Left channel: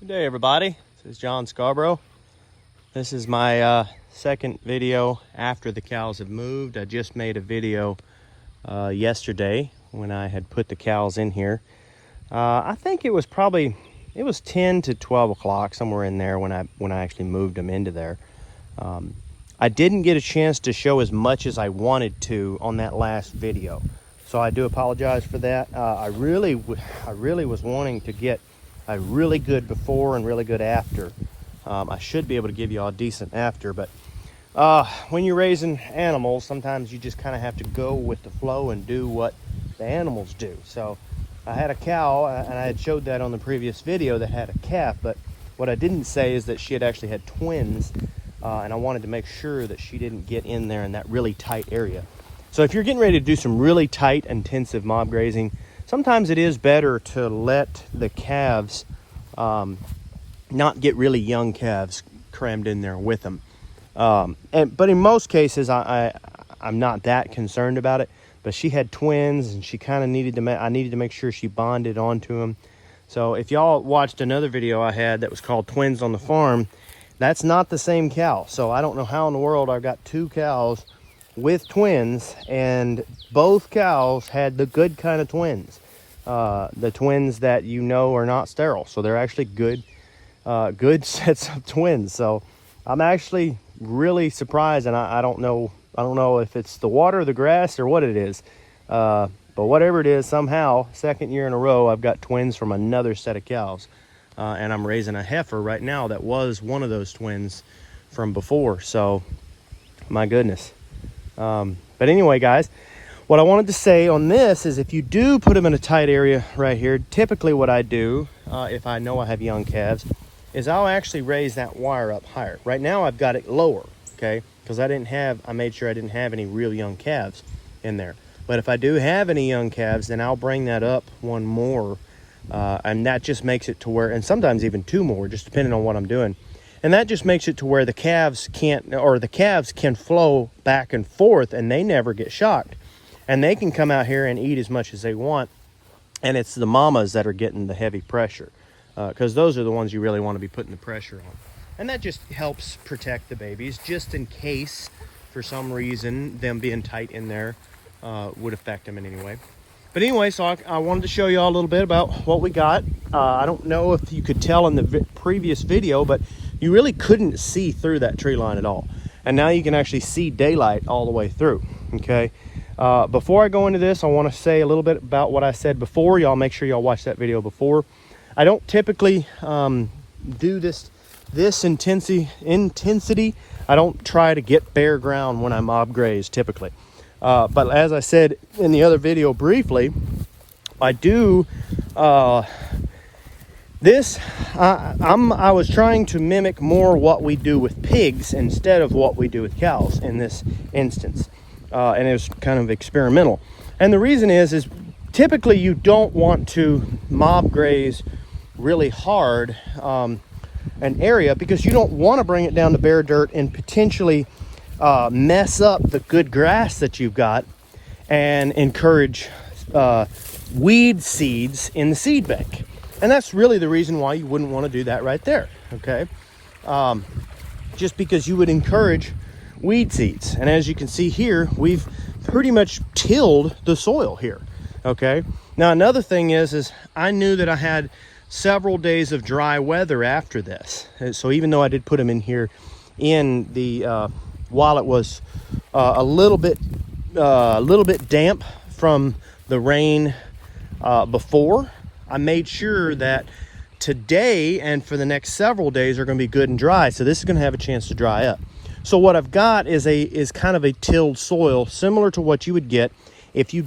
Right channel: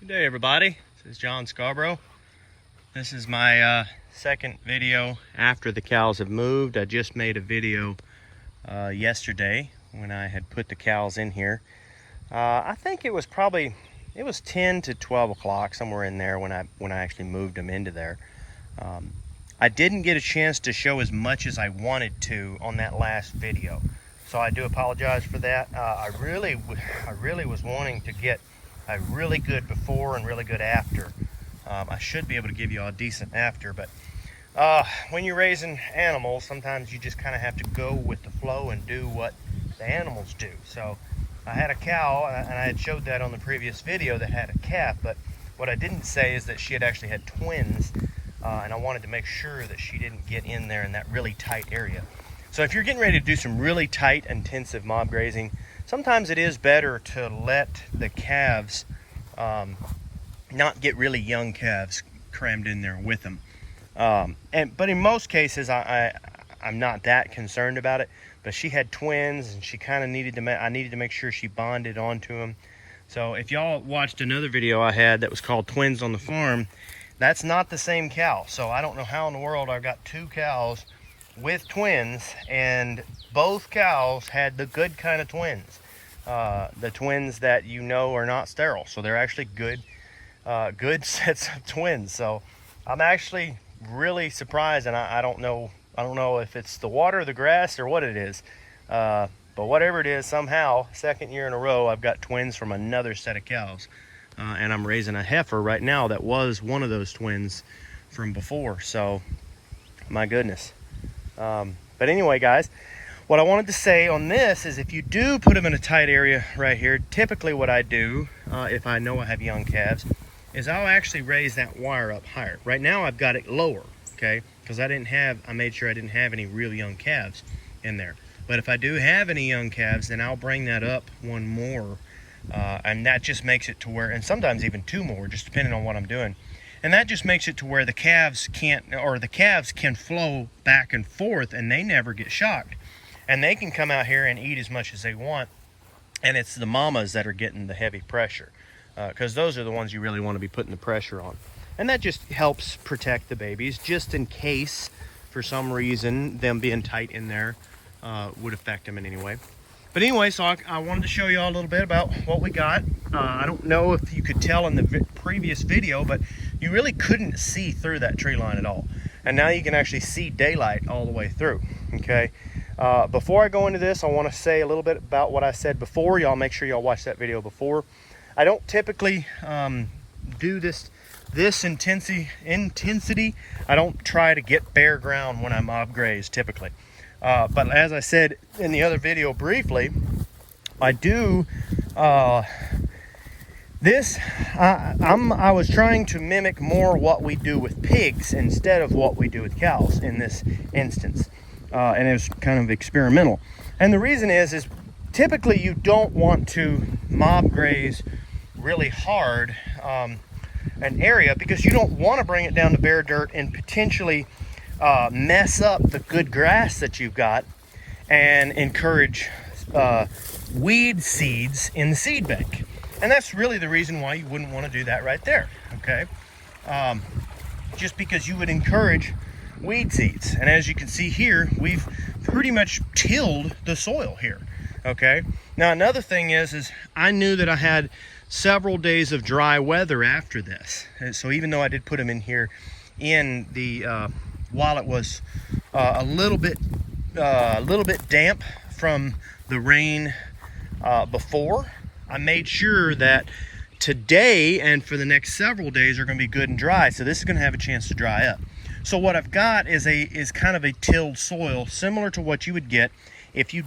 Good day, everybody. This is John Scarborough. This is my second video after the cows have moved. I just made a video yesterday when I had put the cows in here. I think it was 10 to 12 o'clock, somewhere in there, when I actually moved them into there. I didn't get a chance to show as much as I wanted to on that last video, so I do apologize for that. I really was wanting to get a really good before and really good after. I should be able to give you all a decent after, but when you're raising animals, sometimes you just kind of have to go with the flow and do what the animals do. So I had a cow, and I had showed that on the previous video, that had a calf, but what I didn't say is that she had actually had twins, and I wanted to make sure that she didn't get in there in that really tight area. So if you're getting ready to do some really tight, intensive mob grazing, sometimes it is better to let the calves not get really young calves crammed in there with them. But in most cases, I'm not that concerned about it. But she had twins, and she kind of I needed to make sure she bonded onto them. So if y'all watched another video I had that was called Twins on the Farm, that's not the same cow. So I don't know how in the world I've got two cows with twins, and both cows had the good kind of twins. The twins that you know are not sterile, so they're actually good sets of twins. So I'm actually really surprised, and I don't know if it's the water, the grass, or what it is, but whatever it is, somehow second year in a row I've got twins from another set of cows, and I'm raising a heifer right now that was one of those twins from before. So my goodness. But anyway, guys, what I wanted to say on this is, if you do put them in a tight area right here, typically what I do, if I know I have young calves, is I'll actually raise that wire up higher. Right now I've got it lower, okay, because I made sure I didn't have any real young calves in there. But if I do have any young calves, then I'll bring that up one more, and that just makes it to where, and sometimes even two more, just depending on what I'm doing. And that just makes it to where the calves can flow back and forth, and they never get shocked. And they can come out here and eat as much as they want. And it's the mamas that are getting the heavy pressure, because those are the ones you really want to be putting the pressure on. And that just helps protect the babies, just in case, for some reason, them being tight in there would affect them in any way. But anyway, so I wanted to show you all a little bit about what we got. I don't know if you could tell in the previous video, but you really couldn't see through that tree line at all. And now you can actually see daylight all the way through, okay? Before I go into this, I want to say a little bit about what I said before. Y'all make sure y'all watch that video before. I don't typically do this intensity. I don't try to get bare ground when I mob graze typically. But as I said in the other video briefly, I do I was trying to mimic more what we do with pigs instead of what we do with cows in this instance. And it was kind of experimental. And the reason is typically you don't want to mob graze really hard an area, because you don't want to bring it down to bare dirt and potentially mess up the good grass that you've got and encourage weed seeds in the seed bank. And that's really the reason why you wouldn't want to do that right there, okay? Just because you would encourage weed seeds. And as you can see here, we've pretty much tilled the soil here, okay? Now another thing is I knew that I had several days of dry weather after this. And so even though I did put them in here in the while it was a little bit damp from the rain before, I made sure that today and for the next several days are going to be good and dry. So this is going to have a chance to dry up. So what I've got is kind of a tilled soil, similar to what you would get if you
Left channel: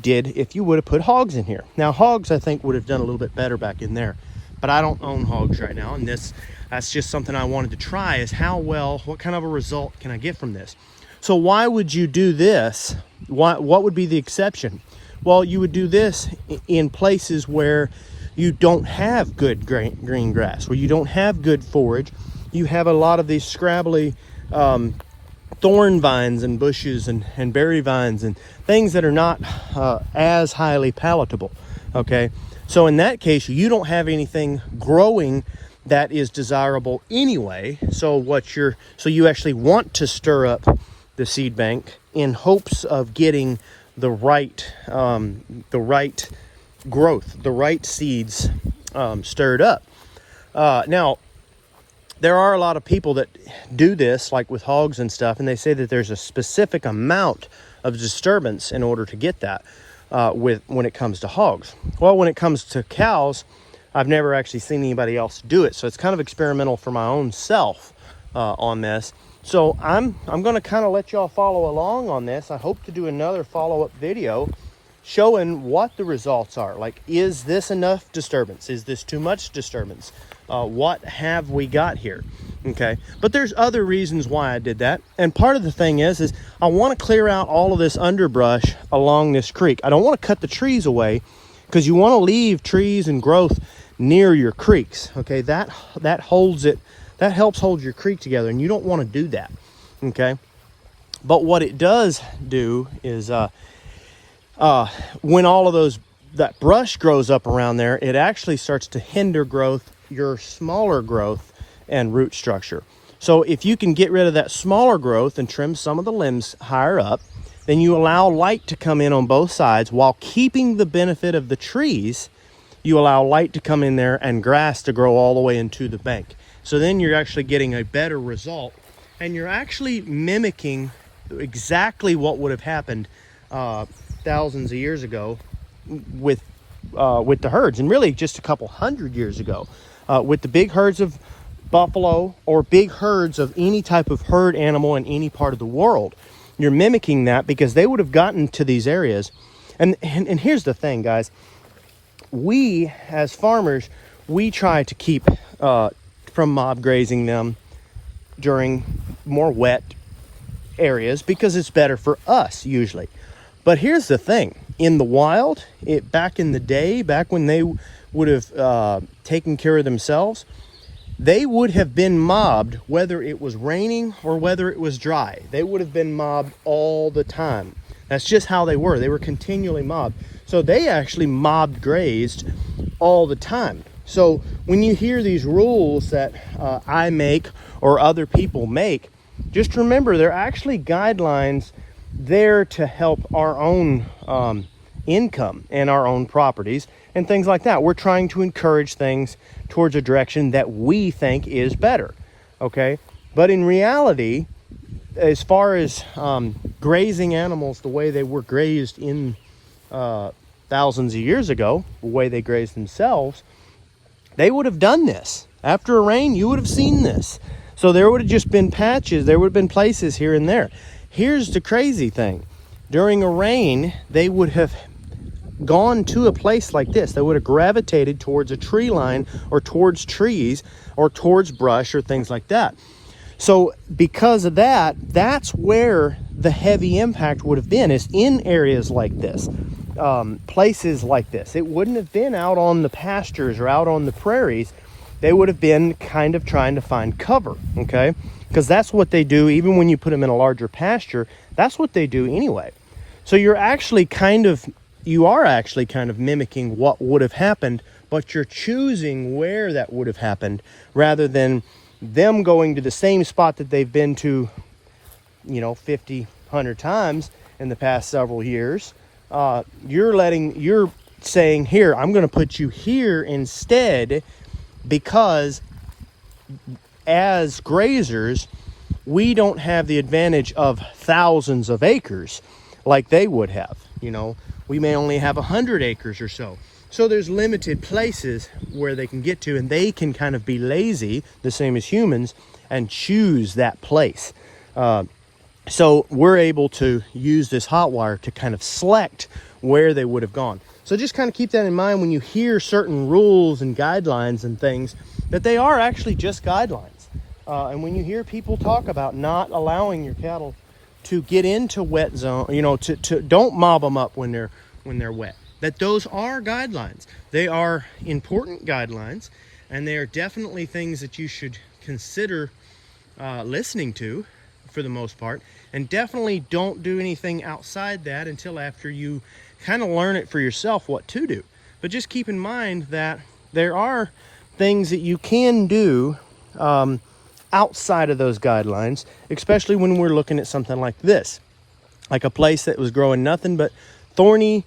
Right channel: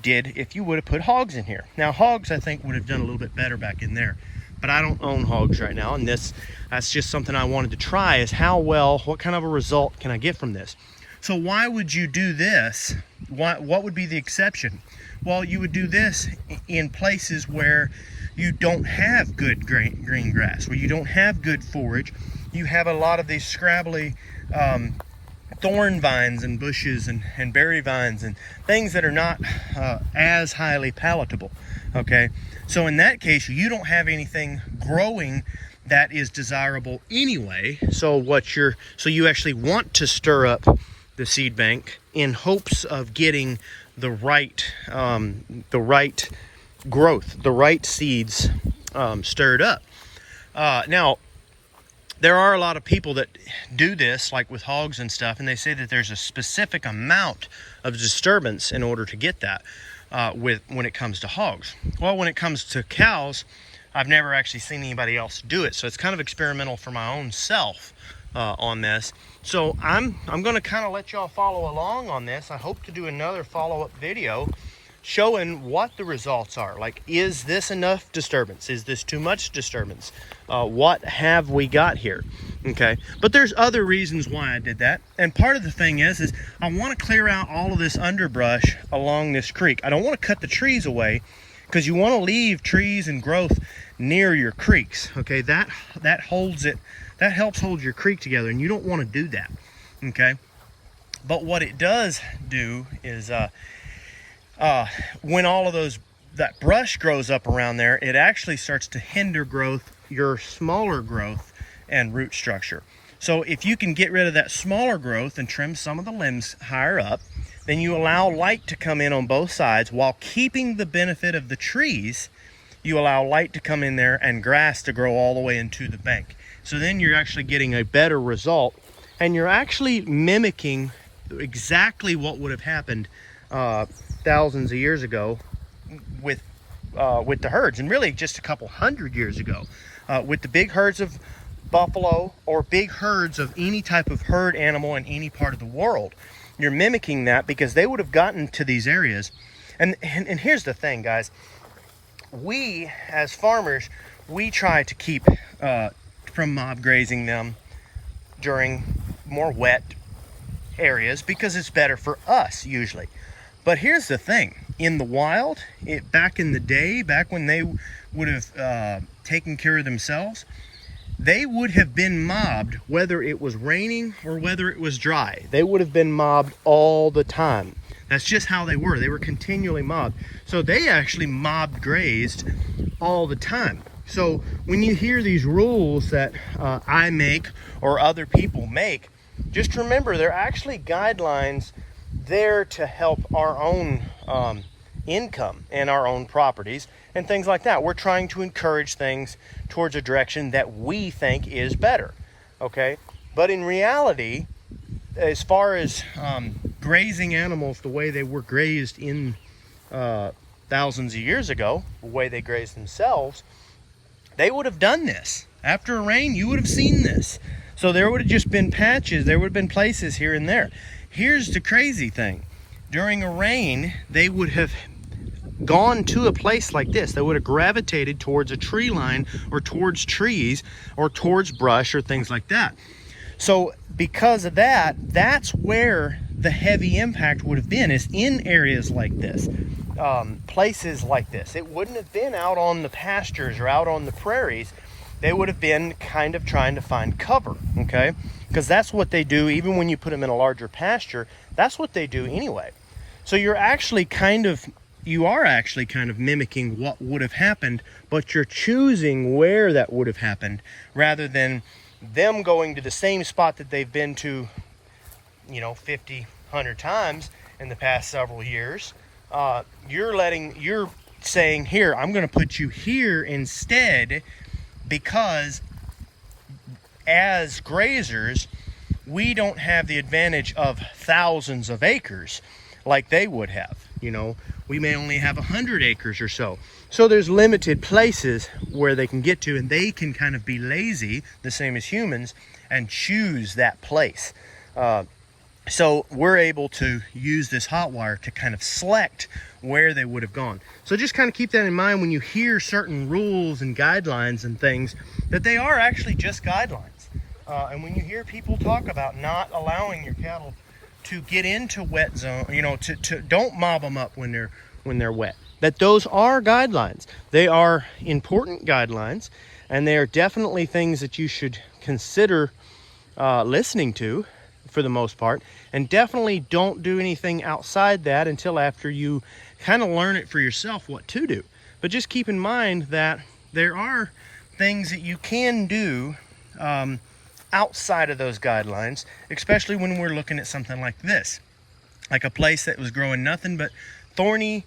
would have put hogs in here. Now hogs, I think, would have done a little bit better back in there, but I don't own hogs right now, and that's just something I wanted to try, is what kind of a result can I get from this? So why would you do this? What would be the exception? Well, you would do this in places where you don't have good green grass, where you don't have good forage. You have a lot of these scrabbly thorn vines and bushes and berry vines and things that are not as highly palatable, okay? So in that case, you don't have anything growing that is desirable anyway. So you actually want to stir up the seed bank in hopes of getting the right growth, the right seeds stirred up. Now, there are a lot of people that do this, like with hogs and stuff, and they say that there's a specific amount of disturbance in order to get that when it comes to hogs. Well, when it comes to cows, I've never actually seen anybody else do it, so it's kind of experimental for my own self on this. So I'm going to kind of let y'all follow along on this. I hope to do another follow-up video showing what the results are. Like, is this enough disturbance? Is this too much disturbance? What have we got here? Okay, but there's other reasons why I did that. And part of the thing is I want to clear out all of this underbrush along this creek. I don't want to cut the trees away, because you want to leave trees and growth near your creeks. Okay, that holds it, that helps hold your creek together, and you don't want to do that. Okay, but what it does do is when all of that brush grows up around there, it actually starts to hinder growth, your smaller growth and root structure. So if you can get rid of that smaller growth and trim some of the limbs higher up, then you allow light to come in on both sides while keeping the benefit of the trees. You allow light to come in there and grass to grow all the way into the bank. So then you're actually getting a better result, and you're actually mimicking exactly what would have happened thousands of years ago with the herds, and really just a couple hundred years ago with the big herds of buffalo or big herds of any type of herd animal in any part of the world. You're mimicking that because they would have gotten to these areas. And here's the thing, guys. We as farmers, we try to keep from mob grazing them during more wet areas because it's better for us usually. But here's the thing, in the wild, back in the day, back when they would have taken care of themselves, they would have been mobbed whether it was raining or whether it was dry. They would have been mobbed all the time. That's just how they were. They were continually mobbed. So they actually mobbed grazed all the time. So when you hear these rules that I make or other people make, just remember they're actually guidelines there to help our own income and our own properties and things like that. We're trying to encourage things towards a direction that we think is better, okay? But in reality, as far as grazing animals the way they were grazed in thousands of years ago, the way they grazed themselves, they would have done this. After a rain, you would have seen this. So there would have just been patches, there would have been places here and there. Here's the crazy thing. During a rain, they would have gone to a place like this. They would have gravitated towards a tree line or towards trees or towards brush or things like that. So because of that, that's where the heavy impact would have been, is in areas like this, places like this. It wouldn't have been out on the pastures or out on the prairies. They would have been kind of trying to find cover, okay? Because that's what they do, even when you put them in a larger pasture, that's what they do anyway. So you are actually kind of mimicking what would have happened, but you're choosing where that would have happened rather than them going to the same spot that they've been to, 50, 100 times in the past several years. You're saying, here, I'm going to put you here instead, because as grazers, we don't have the advantage of thousands of acres like they would have. We may only have 100 acres or so. So there's limited places where they can get to, and they can kind of be lazy, the same as humans, and choose that place. So we're able to use this hot wire to kind of select where they would have gone. So just kind of keep that in mind when you hear certain rules and guidelines and things, that they are actually just guidelines. And when you hear people talk about not allowing your cattle to get into wet zone, don't mob them up when they're wet, that those are guidelines. They are important guidelines, and they are definitely things that you should consider listening to for the most part, and definitely don't do anything outside that until after you kind of learn it for yourself what to do. But just keep in mind that there are things that you can do outside of those guidelines, especially when we're looking at something like this, like a place that was growing nothing but thorny,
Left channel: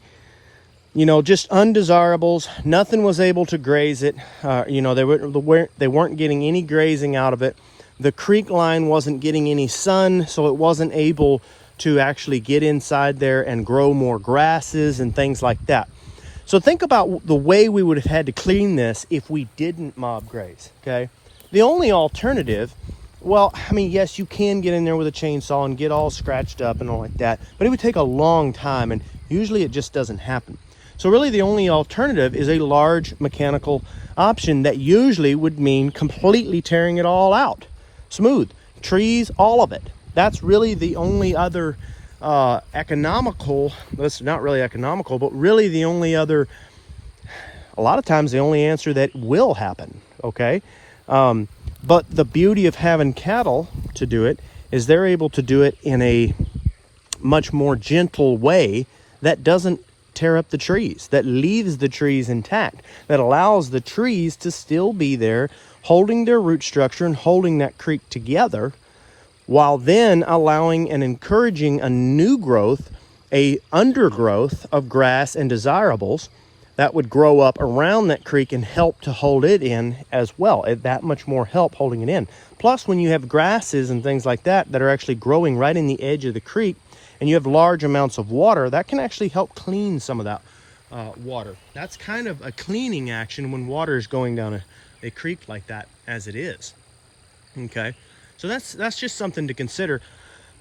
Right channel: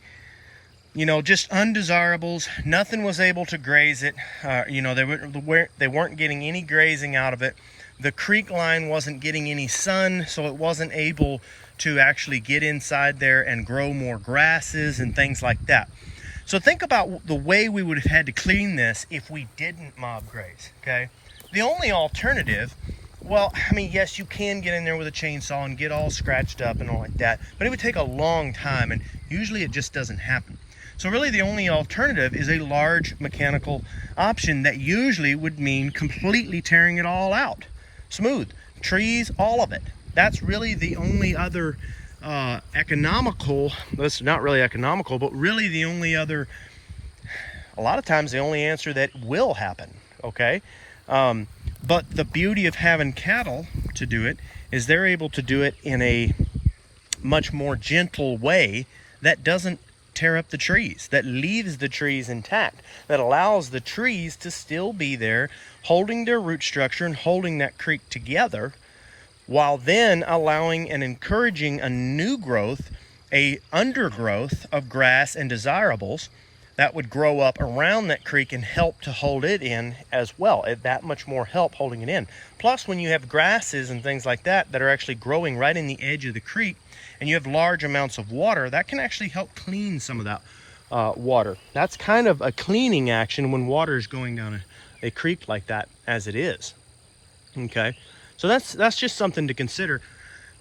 you know, just undesirables. Nothing was able to graze it. You know, they weren't getting any grazing out of it. The creek line wasn't getting any sun, so it wasn't able to actually get inside there and grow more grasses and things like that. So think about the way we would have had to clean this if we didn't mob graze, okay? The only alternative, well, I mean, yes, you can get in there with a chainsaw and get all scratched up and all like that, but it would take a long time, and usually it just doesn't happen. So really the only alternative is a large mechanical option that usually would mean completely tearing it all out. Smooth, trees, all of it. That's really the only other economical, that's not really economical, but really the only other, a lot of times the only answer that will happen, okay? But the beauty of having cattle to do it is they're able to do it in a much more gentle way that doesn't tear up the trees, that leaves the trees intact, that allows the trees to still be there, holding their root structure and holding that creek together, while then allowing and encouraging a new growth, a undergrowth of grass and desirables that would grow up around that creek and help to hold it in as well. That much more help holding it in. Plus, when you have grasses and things like that that are actually growing right in the edge of the creek, and you have large amounts of water, that can actually help clean some of that water. That's kind of a cleaning action when water is going down a creek like that, as it is. Okay, so that's just something to consider.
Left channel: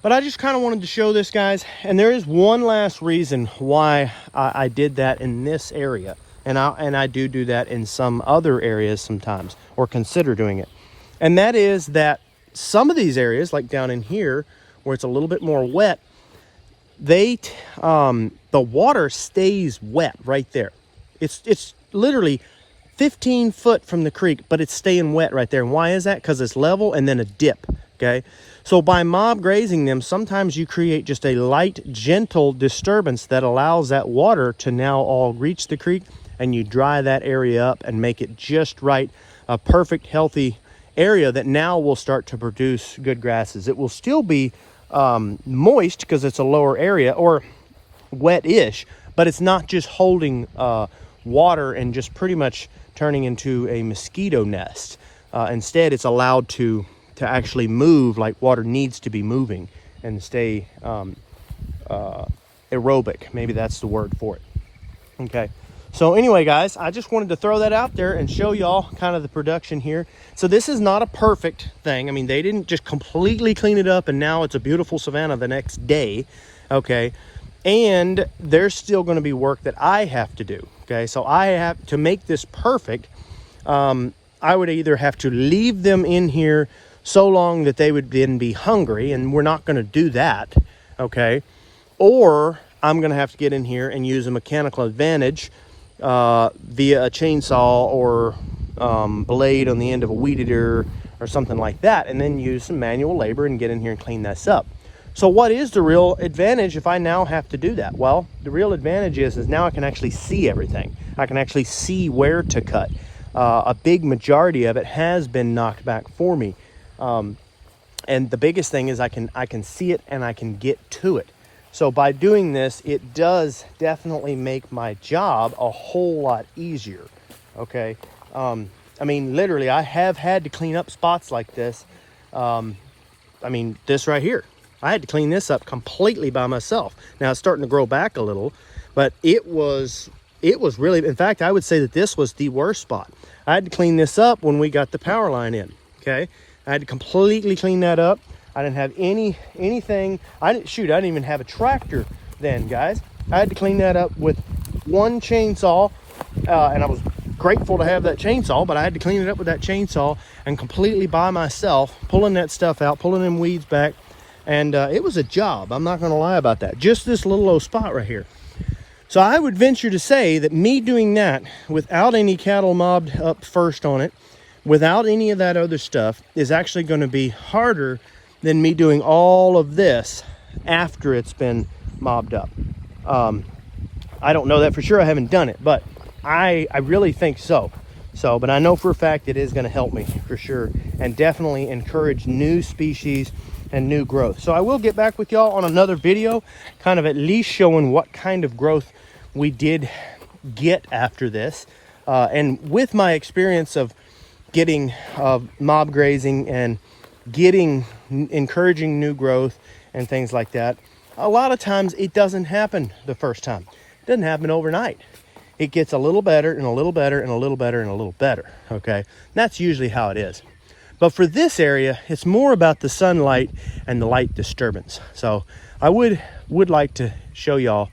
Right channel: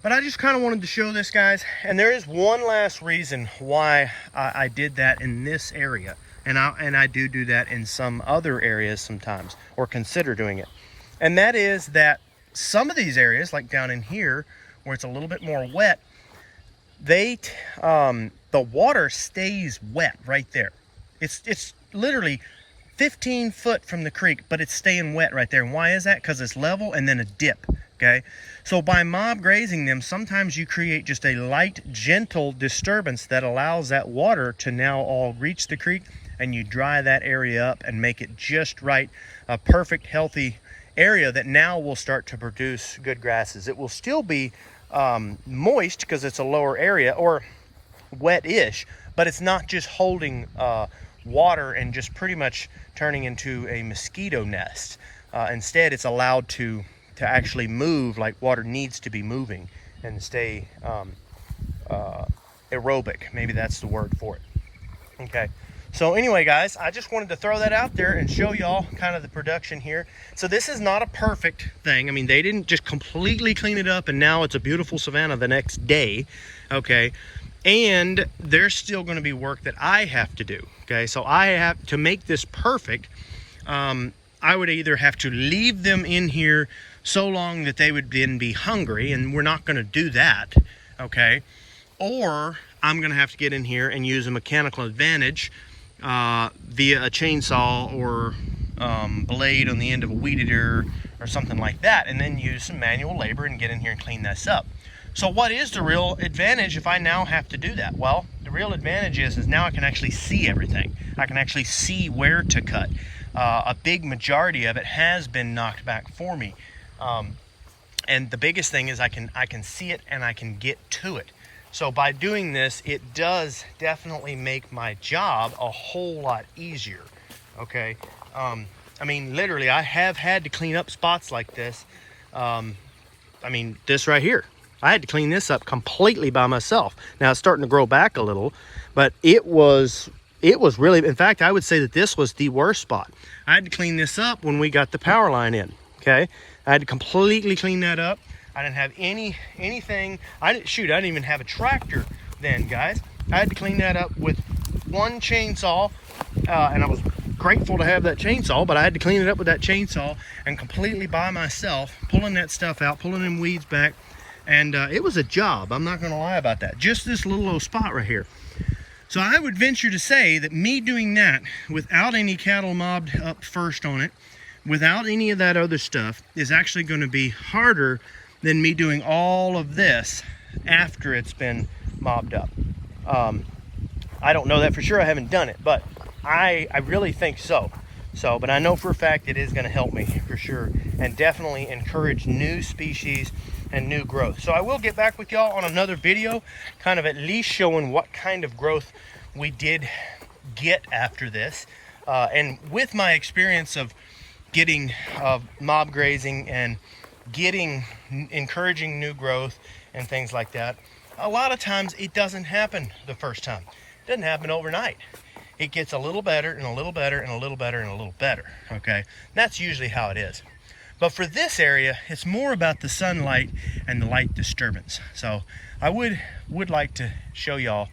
But I just kind of wanted to show this, guys, and there is one last reason why I did that in this area, and I do that in some other areas sometimes, or consider doing it. And that is that some of these areas, like down in here where it's a little bit more wet, the water stays wet right there. It's literally 15 foot from the creek, but it's staying wet right there. And why is that? Because it's level and then a dip. Okay, so by mob grazing them, sometimes you create just a light, gentle disturbance that allows that water to now all reach the creek, and you dry that area up and make it just right, a perfect, healthy area that now will start to produce good grasses. It will still be moist because it's a lower area, or wet-ish, but it's not just holding water and just pretty much turning into a mosquito nest. Instead, it's allowed to actually move like water needs to be moving and stay aerobic. Maybe that's the word for it. Okay, so anyway, guys, I just wanted to throw that out there and show y'all kind of the production here. So this is not a perfect thing. I mean, they didn't just completely clean it up and now it's a beautiful savanna the next day. Okay, and there's still going to be work that I have to do. Okay, so I have to make this perfect. I would either have to leave them in here so long that they would then be hungry, and we're not going to do that, okay? Or I'm going to have to get in here and use a mechanical advantage via a chainsaw or blade on the end of a weed eater or something like that, and then use some manual labor and get in here and clean this up. So what is the real advantage if I now have to do that? Well, the real advantage is now I can actually see everything. I can actually see where to cut. A big majority of it has been knocked back for me. And the biggest thing is I can see it and I can get to it. So by doing this, it does definitely make my job a whole lot easier. Okay. I mean, literally, I have had to clean up spots like this. I mean, this right here, I had to clean this up completely by myself. Now it's starting to grow back a little, but it was really, in fact, I would say that this was the worst spot. I had to clean this up when we got the power line in. Okay, I had to completely clean that up. I didn't have anything. I didn't even have a tractor then, guys. I had to clean that up with one chainsaw, and I was grateful to have that chainsaw, but I had to clean it up with that chainsaw and completely by myself, pulling that stuff out, pulling them weeds back, and it was a job. I'm not going to lie about that. Just this little old spot right here. So I would venture to say that me doing that without any cattle mobbed up first on it, without any of that other stuff, is actually going to be harder than me doing all of this after it's been mobbed up. I don't know that for sure. I haven't done it, but I really think so. So, but I know for a fact it is going to help me for sure, and definitely encourage new species and new growth. So I will get back with y'all on another video, kind of at least showing what kind of growth we did get after this. And with my experience of getting mob grazing and encouraging new growth and things like that, a lot of times it doesn't happen the first time. It doesn't happen overnight. It gets a little better and a little better and a little better and a little better, okay? That's usually how it is. But for this area, it's more about the sunlight and the light disturbance. So I would like to show y'all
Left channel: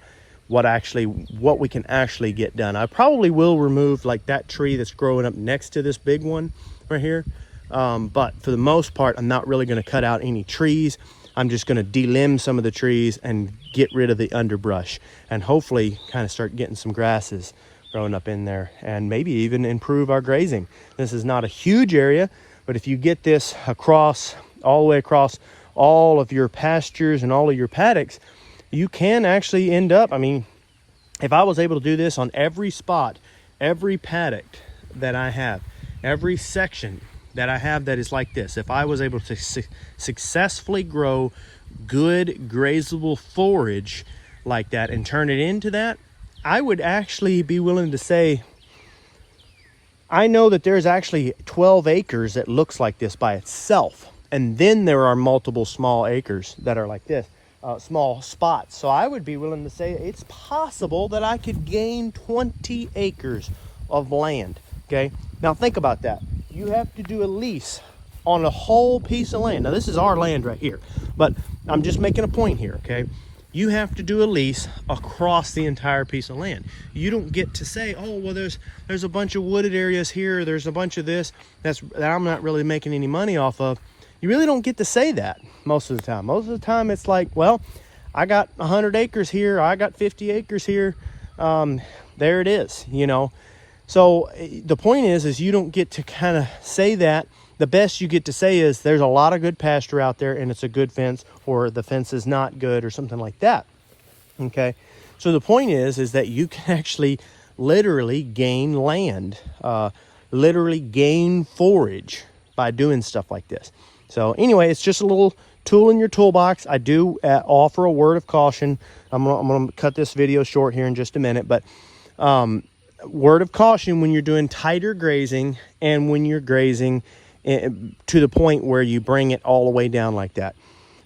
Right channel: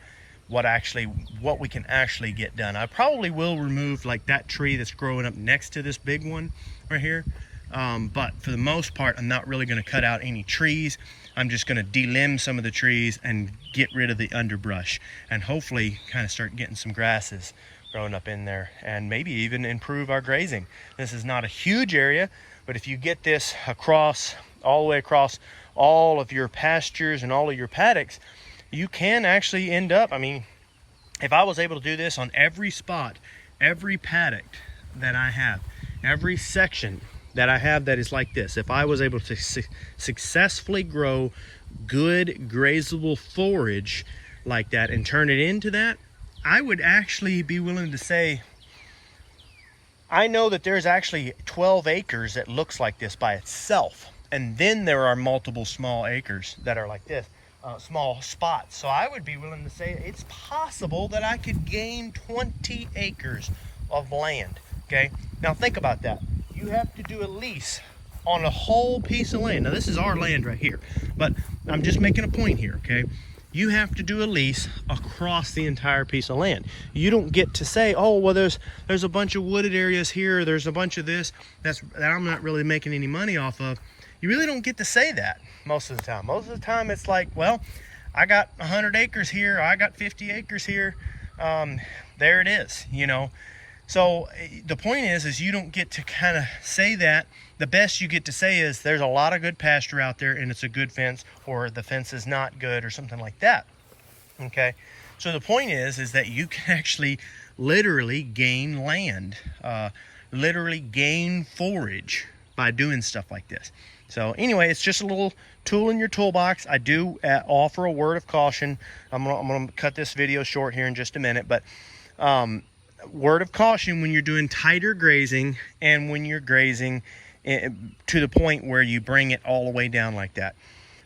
what we can actually get done. I probably will remove like that tree that's growing up next to this big one right here. But for the most part, I'm not really gonna cut out any trees. I'm just gonna delimb some of the trees and get rid of the underbrush, and hopefully kind of start getting some grasses growing up in there, and maybe even improve our grazing. This is not a huge area, but if you get this all the way across all of your pastures and all of your paddocks, you can actually end up, I mean, if I was able to do this on every spot, every paddock that I have, every section that I have that is like this, if I was able to successfully grow good grazable forage like that and turn it into that, I would actually be willing to say, I know that there's actually 12 acres that looks like this by itself. And then there are multiple small acres that are like this, small spots. So I would be willing to say it's possible that I could gain 20 acres of land, okay? Now think about that. You have to do a lease on a whole piece of land. Now this is our land right here, but I'm just making a point here, okay? You have to do a lease across the entire piece of land. You don't get to say, oh, well, there's a bunch of wooded areas here, there's a bunch of this that I'm not really making any money off of. You really don't get to say that most of the time. Most of the time it's like, well, I got 100 acres here, I got 50 acres here, there it is, you know. So the point is you don't get to kind of say that. The best you get to say is there's a lot of good pasture out there and it's a good fence, or the fence is not good, or something like that, okay? So the point is that you can actually literally gain land, literally gain forage by doing stuff like this. So anyway, it's just a little tool in your toolbox. I do offer a word of caution. I'm gonna cut this video short here in just a minute, but word of caution when you're doing tighter grazing and when you're grazing to the point where you bring it all the way down like that.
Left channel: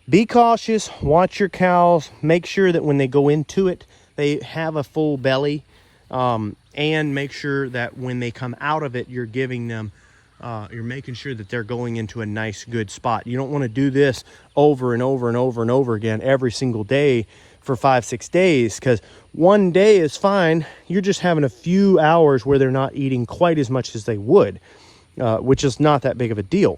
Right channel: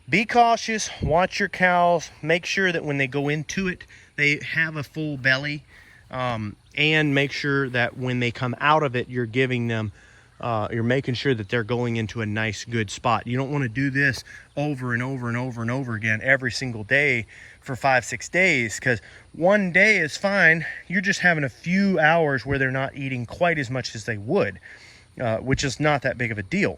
Be cautious, watch your cows, make sure that when they go into it, they have a full belly, and make sure that when they come out of it, you're giving them, you're making sure that they're going into a nice, good spot. You don't want to do this over and over and over and over again every single day for 5-6 days, because one day is fine. You're just having a few hours where they're not eating quite as much as they would. Which is not that big of a deal.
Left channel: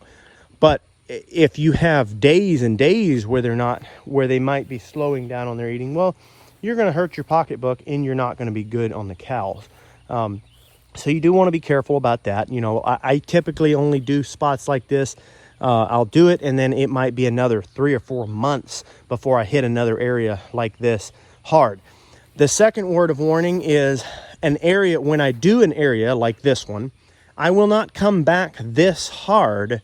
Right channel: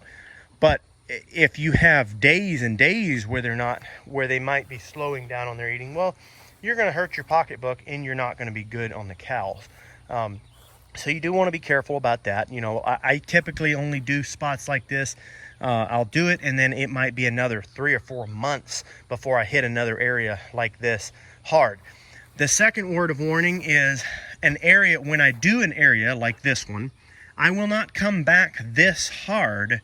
But if you have days and days where they might be slowing down on their eating, well, you're going to hurt your pocketbook and you're not going to be good on the cows. So you do want to be careful about that. You know, I typically only do spots like this. I'll do it, and then it might be another 3 or 4 months before I hit another area like this hard. The second word of warning is an area, when I do an area like this one, I will not come back this hard,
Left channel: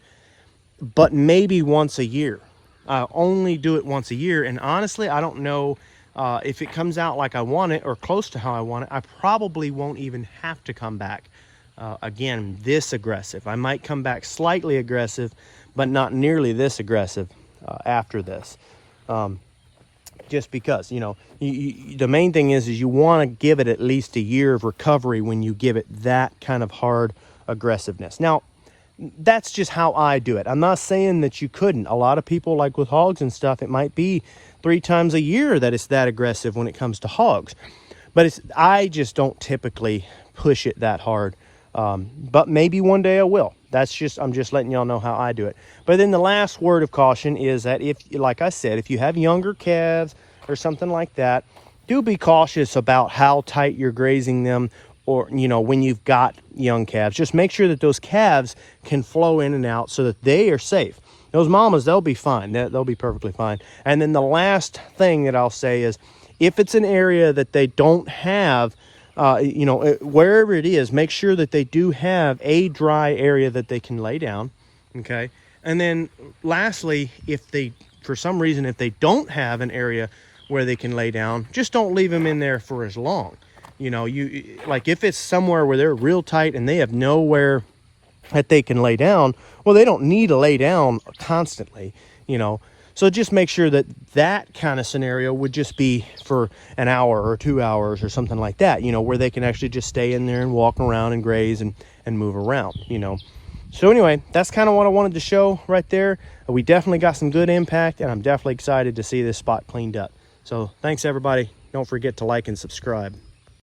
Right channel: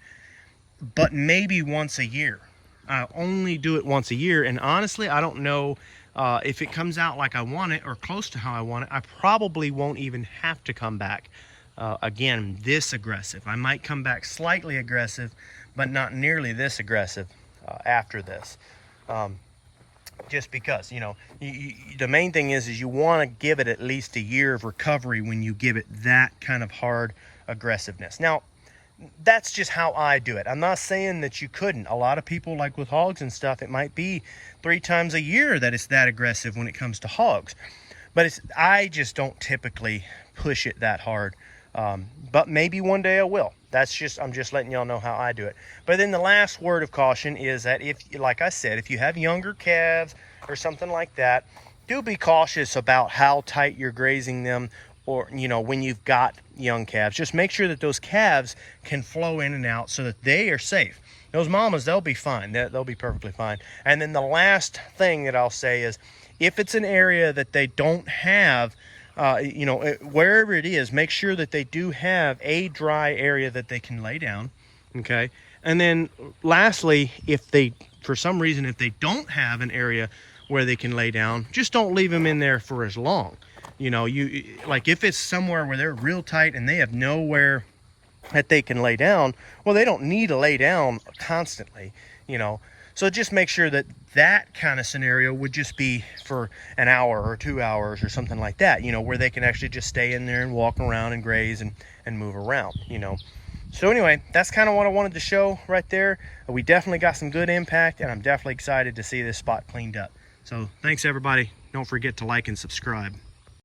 but maybe once a year. I only do it once a year, and honestly, I don't know if it comes out like I want it or close to how I want it. I probably won't even have to come back again this aggressive. I might come back slightly aggressive, but not nearly this aggressive after this. Just because, you know, the main thing is you want to give it at least a year of recovery when you give it that kind of hard aggressiveness. Now, that's just how I do it. I'm not saying that you couldn't. A lot of people, like with hogs and stuff, it might be 3 times a year that it's that aggressive when it comes to hogs. But I just don't typically push it that hard. But maybe one day I will. I'm just letting y'all know how I do it. But then the last word of caution is that if, like I said, if you have younger calves or something like that, do be cautious about how tight you're grazing them, or, you know, when you've got young calves. Just make sure that those calves can flow in and out so that they are safe. Those mamas, they'll be fine. They'll be perfectly fine. And then the last thing that I'll say is, if it's an area that they don't have you know, wherever it is, make sure that they do have a dry area that they can lay down. Okay. And then lastly, if they, for some reason, if they don't have an area where they can lay down, just don't leave them in there for as long. You know, you like if it's somewhere where they're real tight and they have nowhere that they can lay down, well, they don't need to lay down constantly, you know. So just make sure that that kind of scenario would just be for an hour or 2 hours or something like that, you know, where they can actually just stay in there and walk around and graze and move around, you know. So anyway, that's kind of what I wanted to show right there. We definitely got some good impact, and I'm definitely excited to see this spot cleaned up. So thanks, everybody. Don't forget to like and subscribe.